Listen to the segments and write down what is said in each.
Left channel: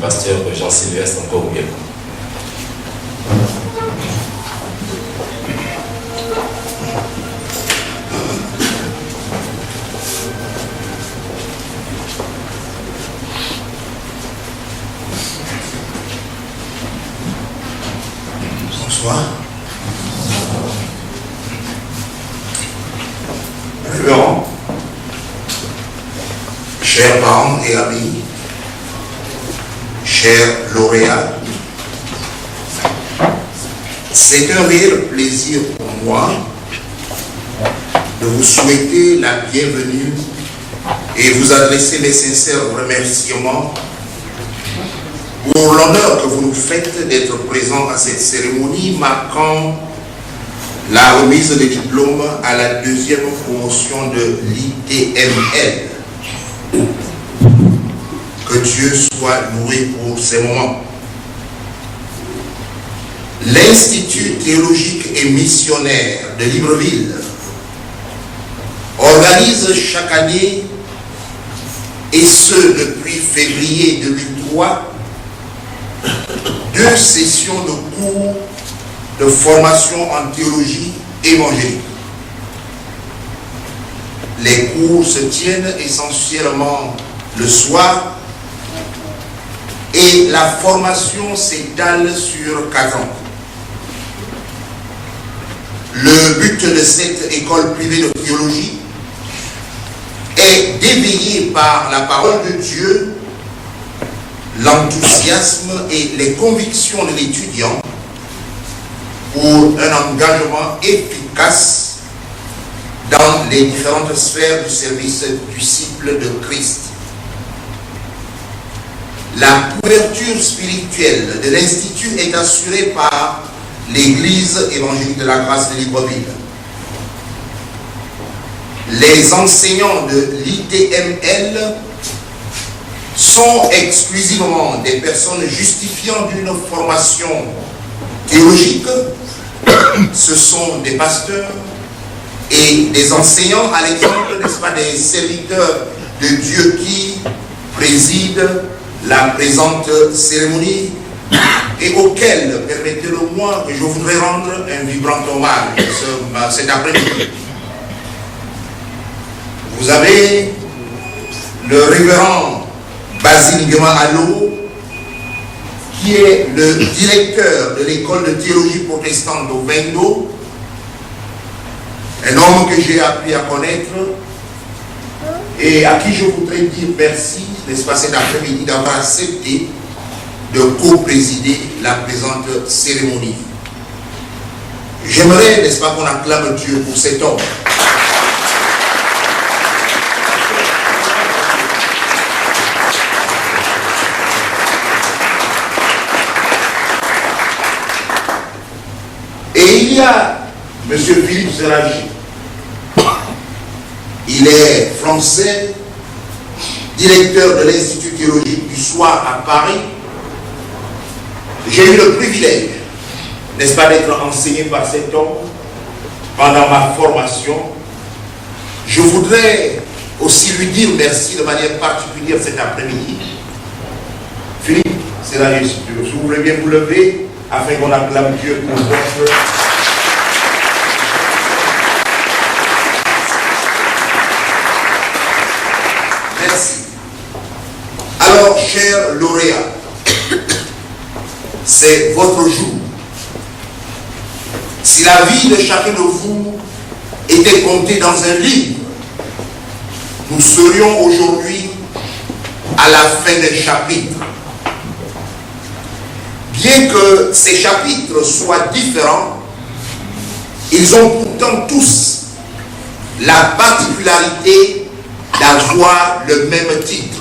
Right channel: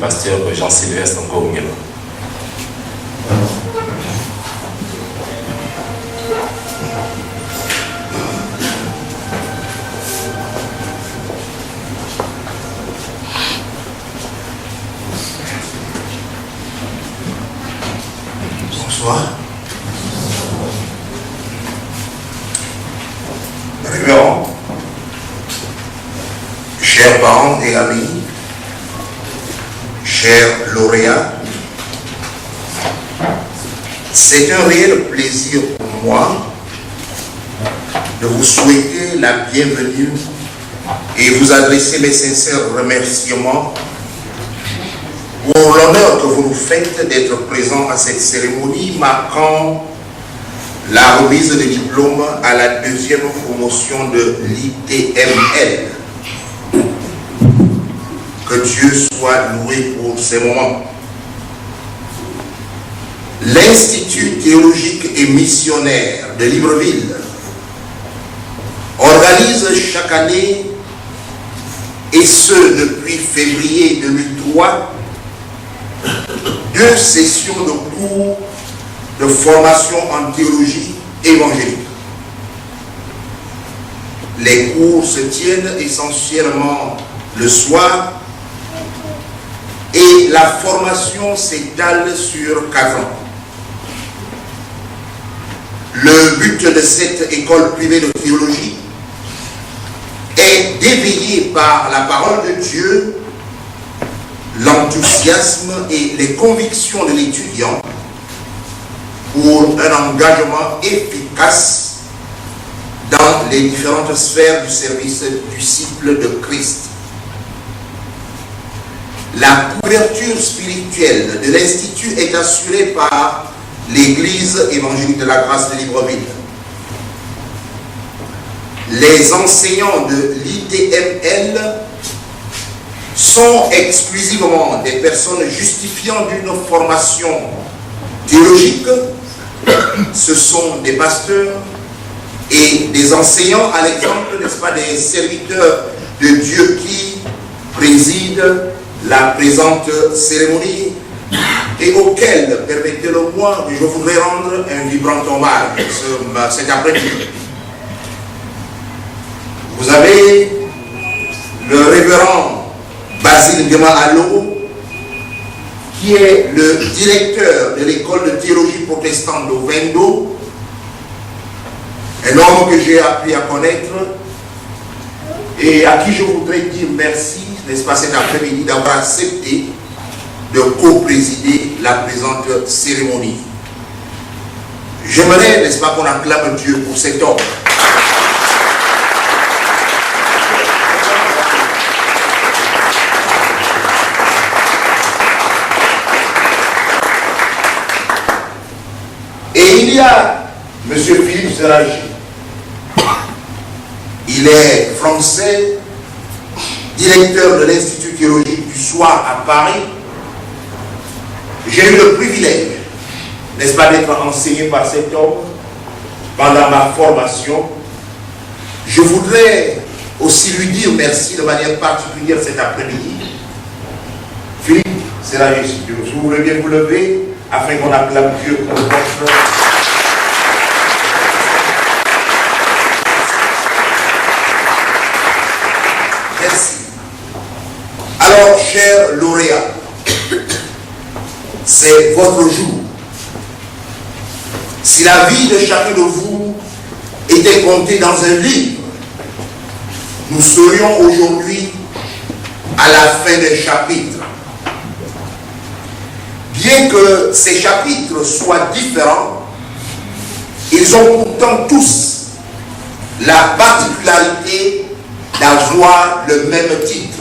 pasteur Jean-Sylvestre Ngongelo. Bonsoir. Révérend, chers parents et amis, chers lauréats, c'est un réel plaisir pour moi de vous souhaiter la bienvenue et vous adresser mes sincères remerciements pour l'honneur que vous nous faites d'être présents à cette cérémonie marquant la remise des diplômes à la deuxième promotion de l'ITML. Que Dieu soit loué pour ces moments. L'Institut théologique et missionnaire de Libreville organise chaque année, et ce depuis février 2003, 2 sessions de cours de formation en théologie évangélique. Les cours se tiennent essentiellement le soir et la formation s'étale sur 4 ans. Le but de cette école privée de théologie est d'éveiller par la parole de Dieu l'enthousiasme et les convictions de l'étudiant pour un engagement efficace dans les différentes sphères du service disciple de Christ. La couverture spirituelle de l'Institut est assurée par l'Église évangélique de la grâce de Libreville. Les enseignants de l'ITML sont exclusivement des personnes justifiant d'une formation théologique. Ce sont des pasteurs et des enseignants, à l'exemple, n'est-ce pas, des serviteurs de Dieu qui président la présente cérémonie et auxquels, permettez-le-moi, je voudrais rendre un vibrant hommage cet après-midi. Vous avez le révérend Basile Guéma-Allo, qui est le directeur de l'école de théologie protestante au Vendo, un homme que j'ai appris à connaître et à qui je voudrais dire merci, n'est-ce pas, cet après-midi d'avoir accepté de co-présider la présente cérémonie. J'aimerais, n'est-ce pas, qu'on acclame Dieu pour cet homme. Et il y a M. Philippe Zeragi. Il est français, directeur de l'Institut théologique du soir à Paris. J'ai eu le privilège, n'est-ce pas, d'être enseigné par cet homme pendant ma formation. Je voudrais aussi lui dire merci de manière particulière cet après-midi. Philippe Zeragi, si vous voulez bien vous lever, afin qu'on acclame Dieu pour votre... Merci. Alors, chers lauréats, c'est votre jour. Si la vie de chacun de vous était comptée dans un livre, nous serions aujourd'hui à la fin des chapitres. Bien que ces chapitres soient différents, ils ont pourtant tous la particularité d'avoir le même titre.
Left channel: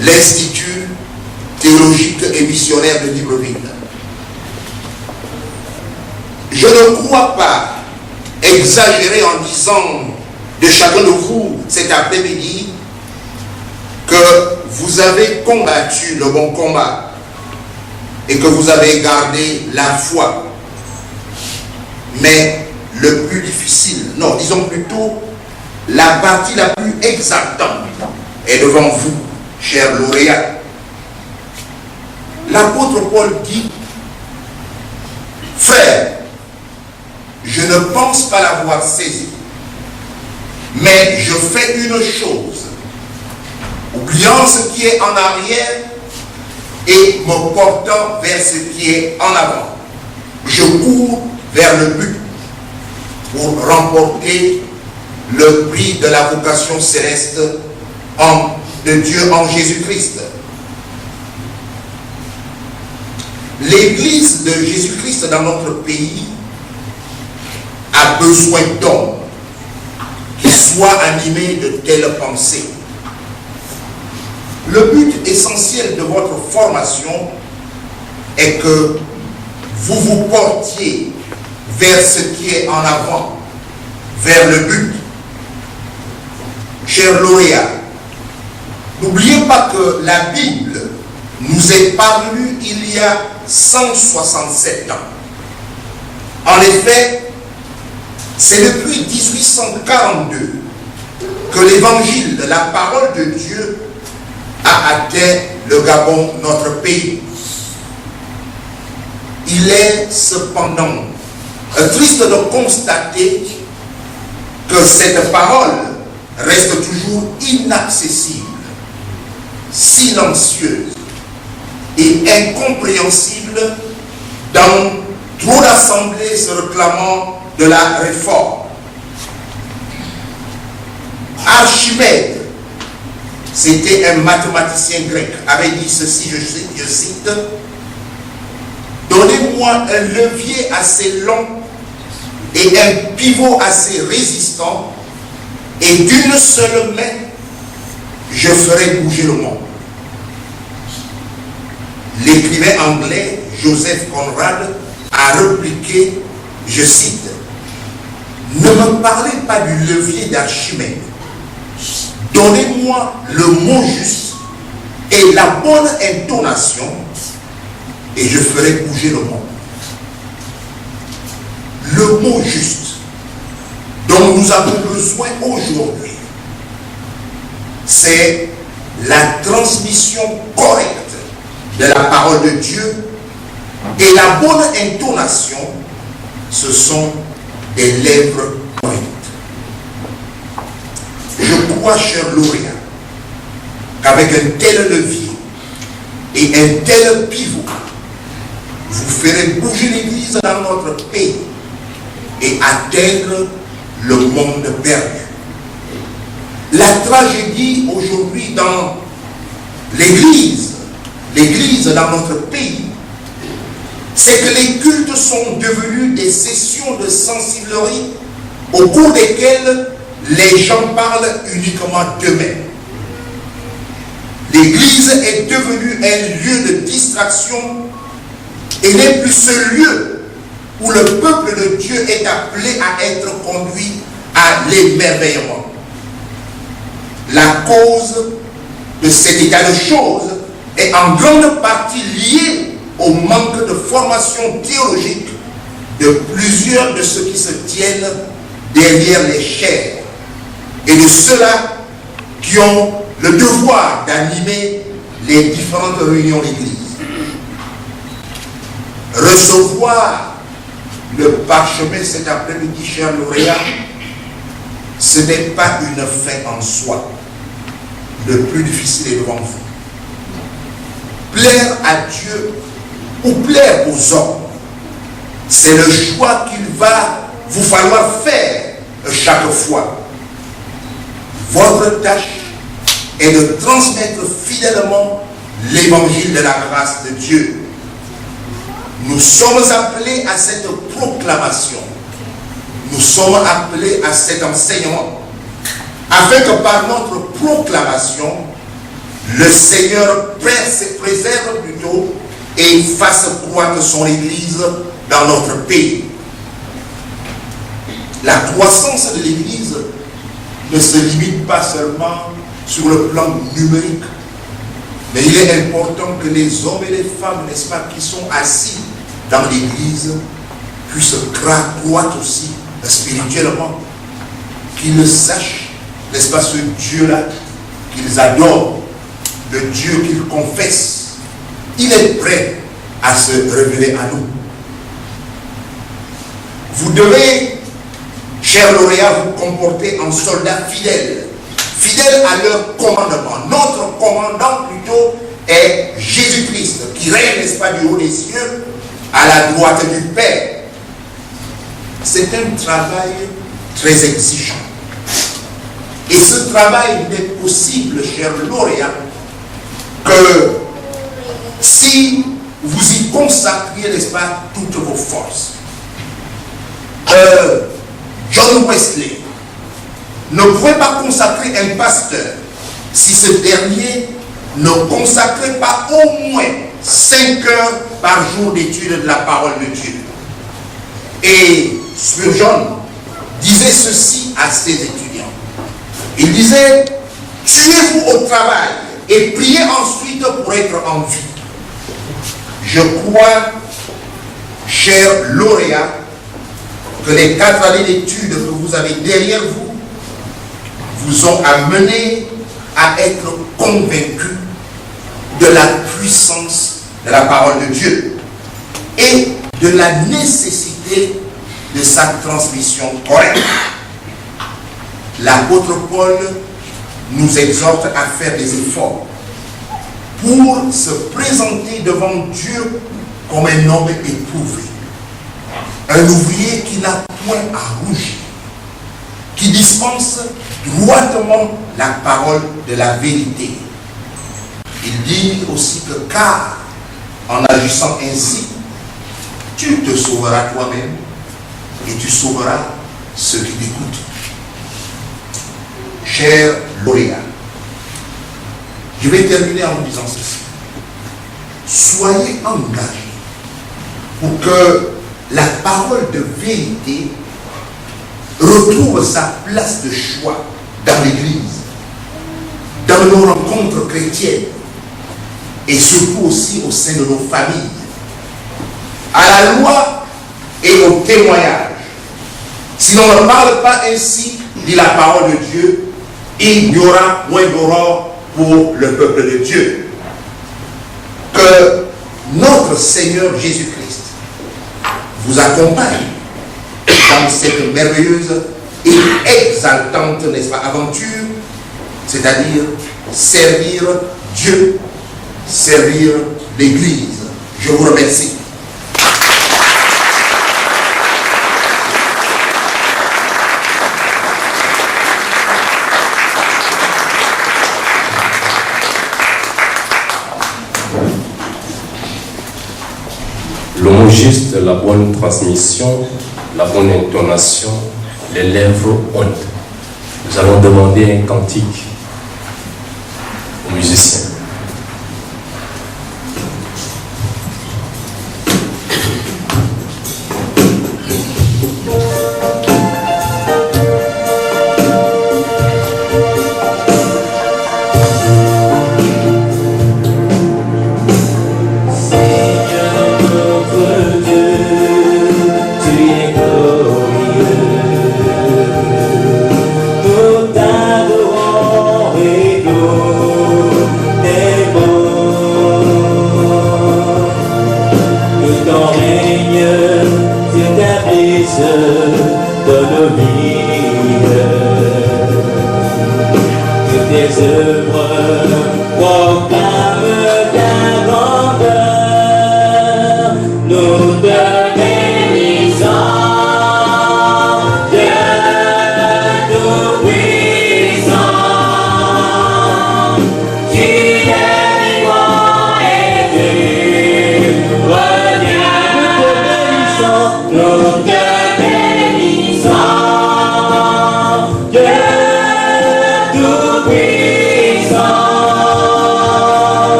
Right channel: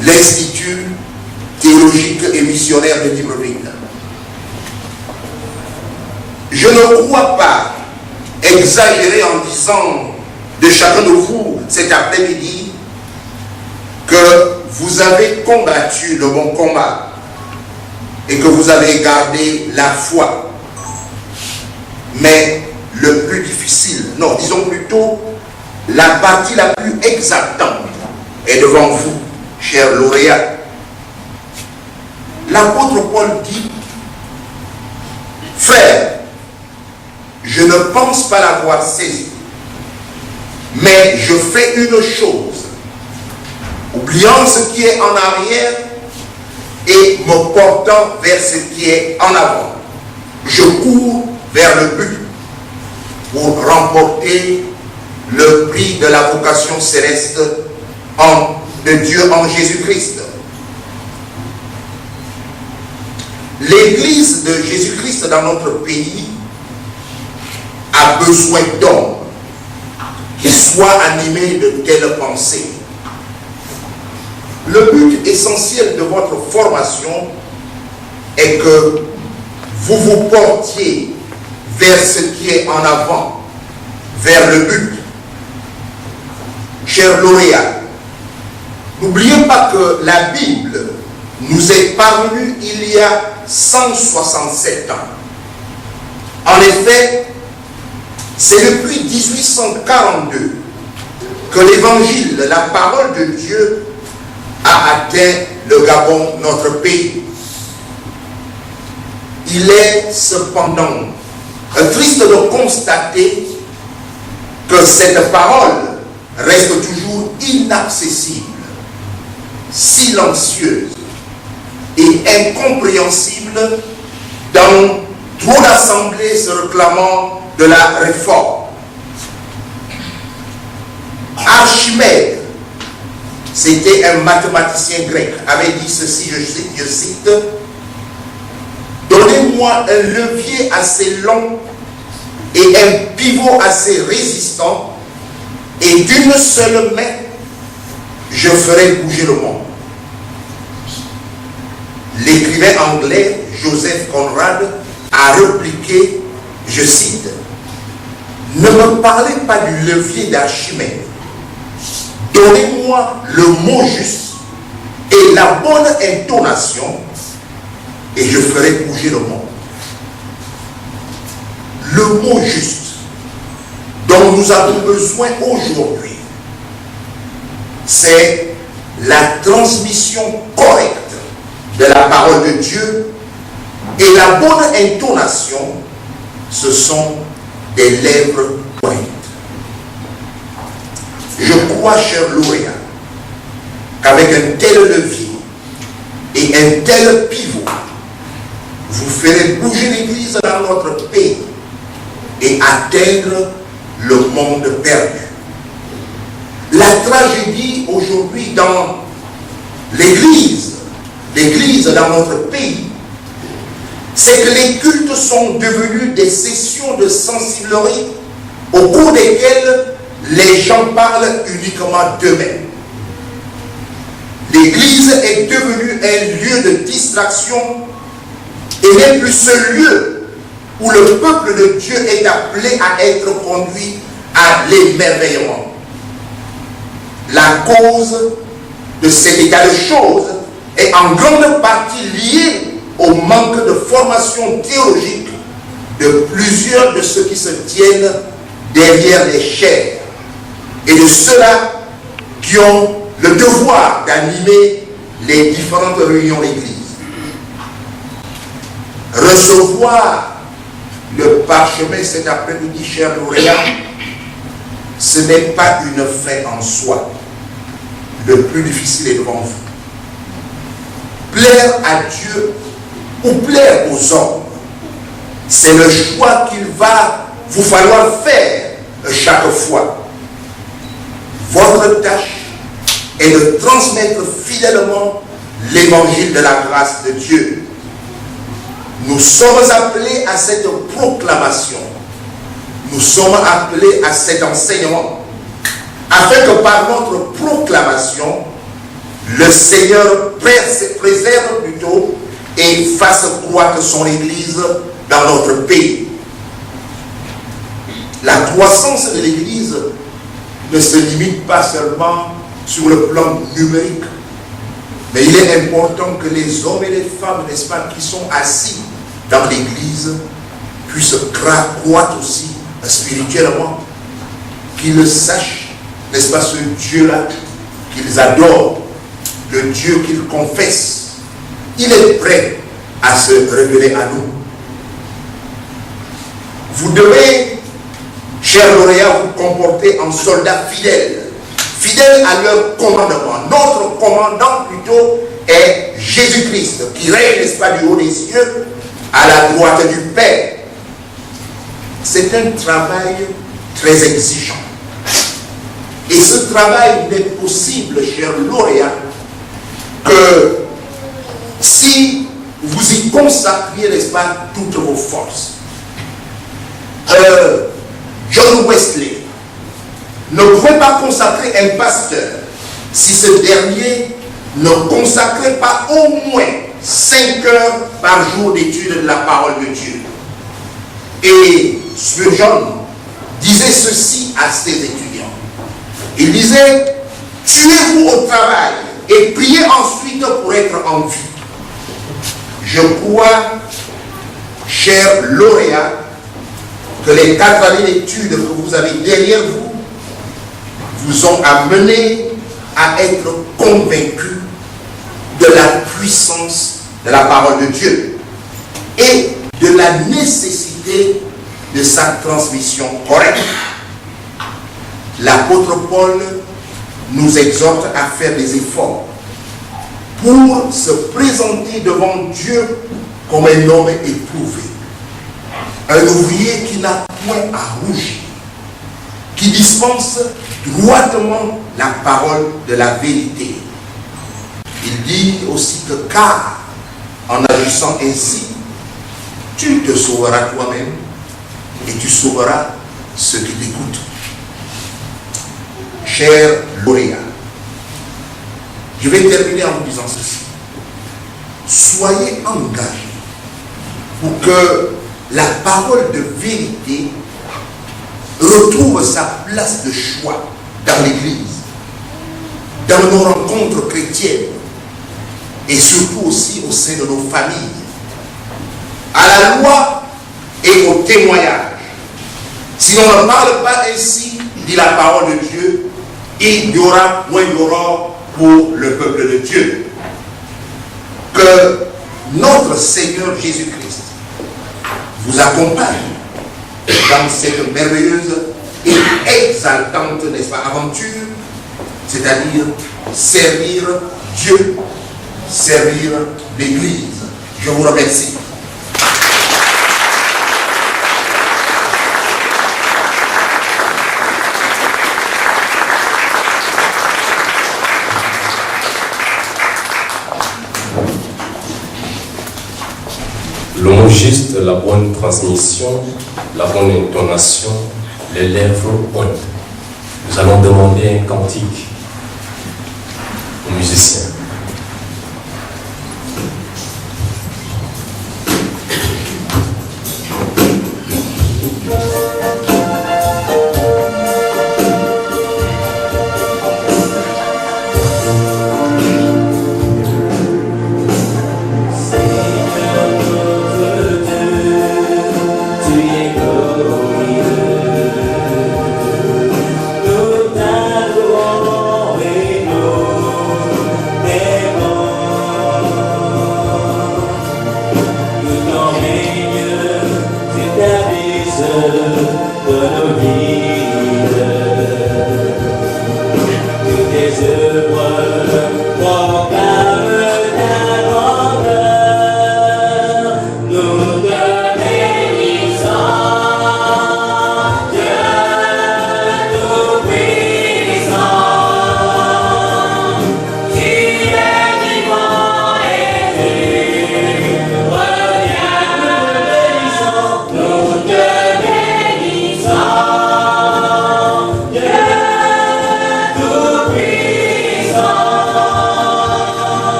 L'Institut théologique et missionnaire de Libreville. Je ne crois pas exagérer en disant de chacun de vous cet après-midi que vous avez combattu le bon combat et que vous avez gardé la foi. Mais le plus difficile, non, disons plutôt, la partie la plus exaltante est devant vous, chers lauréats. l'apôtre Paul dit, frère, je ne pense pas l'avoir saisi, mais je fais une chose, oubliant ce qui est en arrière et me portant vers ce qui est en avant. Je cours vers le but pour remporter le prix de la vocation céleste de Dieu en Jésus-Christ. L'Église de Jésus-Christ dans notre pays a besoin d'hommes qui soient animés de telles pensées. Le but essentiel de votre formation est que vous vous portiez vers ce qui est en avant, vers le but. Chers lauréats, n'oubliez pas que la Bible nous est parvenue il y a 167 ans. En effet, c'est depuis 1842 que l'évangile de la parole de Dieu a atteint le Gabon, notre pays. Il est cependant triste de constater que cette parole reste toujours inaccessible, silencieuse et incompréhensible dans trop d'assemblées se réclamant de la réforme. Archimède, c'était un mathématicien grec, avait dit ceci, je cite, « Donnez-moi un levier assez long et un pivot assez résistant, et d'une seule main, je ferai bouger le monde. » L'écrivain anglais Joseph Conrad a répliqué, je cite, « Ne me parlez pas du levier d'Archimède. Donnez-moi le mot juste et la bonne intonation et je ferai bouger le monde. » Le mot juste dont nous avons besoin aujourd'hui, c'est la transmission correcte de la parole de Dieu, et la bonne intonation, ce sont des lèvres pointes. Je crois, chers lauréats, qu'avec un tel levier et un tel pivot, vous ferez bouger l'Église dans notre pays et atteindre le monde perdu. La tragédie aujourd'hui dans l'Église dans notre pays, c'est que les cultes sont devenus des sessions de sensiblerie au cours desquelles les gens parlent uniquement d'eux-mêmes. L'Église est devenue un lieu de distraction et n'est plus ce lieu où le peuple de Dieu est appelé à être conduit à l'émerveillement. La cause de cet état de choses est en grande partie liée au manque de formation théologique de plusieurs de ceux qui se tiennent derrière les chairs et de ceux-là qui ont le devoir d'animer les différentes réunions d'église. Recevoir le parchemin cet après-midi, chers lauréats, ce n'est pas une fin en soi. Le plus difficile est devant vous. Plaire à Dieu ou plaire aux hommes, c'est le choix qu'il va vous falloir faire chaque fois. Votre tâche est de transmettre fidèlement l'évangile de la grâce de Dieu. Nous sommes appelés à cette proclamation. Nous sommes appelés à cet enseignement, afin que par notre proclamation, le Seigneur préserve plutôt et fasse croître son Église dans notre pays. La croissance de l'Église ne se limite pas seulement sur le plan numérique, mais il est important que les hommes et les femmes, n'est-ce pas, qui sont assis dans l'Église puissent croître aussi spirituellement, qu'ils sachent, n'est-ce pas, ce Dieu-là qu'ils adorent, le Dieu qu'ils confessent, il est prêt à se révéler à nous. Vous devez, chers lauréats, vous comporter en soldats fidèles, fidèles à leur commandement. Notre commandant plutôt est Jésus-Christ, qui règne, n'est-ce pas, du haut des cieux, à la droite du Père. C'est un travail très exigeant. Et ce travail n'est possible, chers lauréats, que si vous y consacriez, n'est-ce pas, toutes vos forces. John Wesley ne pouvait pas consacrer un pasteur si ce dernier ne consacrait pas au moins 5 heures par jour d'étude de la parole de Dieu. Et Spurgeon disait ceci à ses étudiants. Il disait, tuez-vous au travail et priez ensuite pour être en vie. Je crois, chers lauréats, que les 4 années d'études que vous avez derrière vous vous ont amené à être convaincus de la puissance de la parole de Dieu et de la nécessité de sa transmission correcte. L'apôtre Paul nous exhorte à faire des efforts pour se présenter devant Dieu comme un homme éprouvé, un ouvrier qui n'a point à rougir, qui dispense droitement la parole de la vérité. Il dit aussi que car en agissant ainsi, tu te sauveras toi-même et tu sauveras ceux qui t'écoutent. Chers lauréats, je vais terminer en vous disant ceci. Soyez engagés pour que la parole de vérité retrouve sa place de choix dans l'Église, dans nos rencontres chrétiennes et surtout aussi au sein de nos familles, à la loi et au témoignage. Si l'on ne parle pas ainsi, dit la parole de Dieu, il y aura moins d'aurore pour le peuple de Dieu. Que notre Seigneur Jésus-Christ vous accompagne dans cette merveilleuse et exaltante, n'est-ce pas, aventure, c'est-à-dire servir Dieu, servir l'Église. Je vous remercie. Le mot juste, la bonne transmission, la bonne intonation, les lèvres hautes. Nous allons demander un cantique aux musiciens.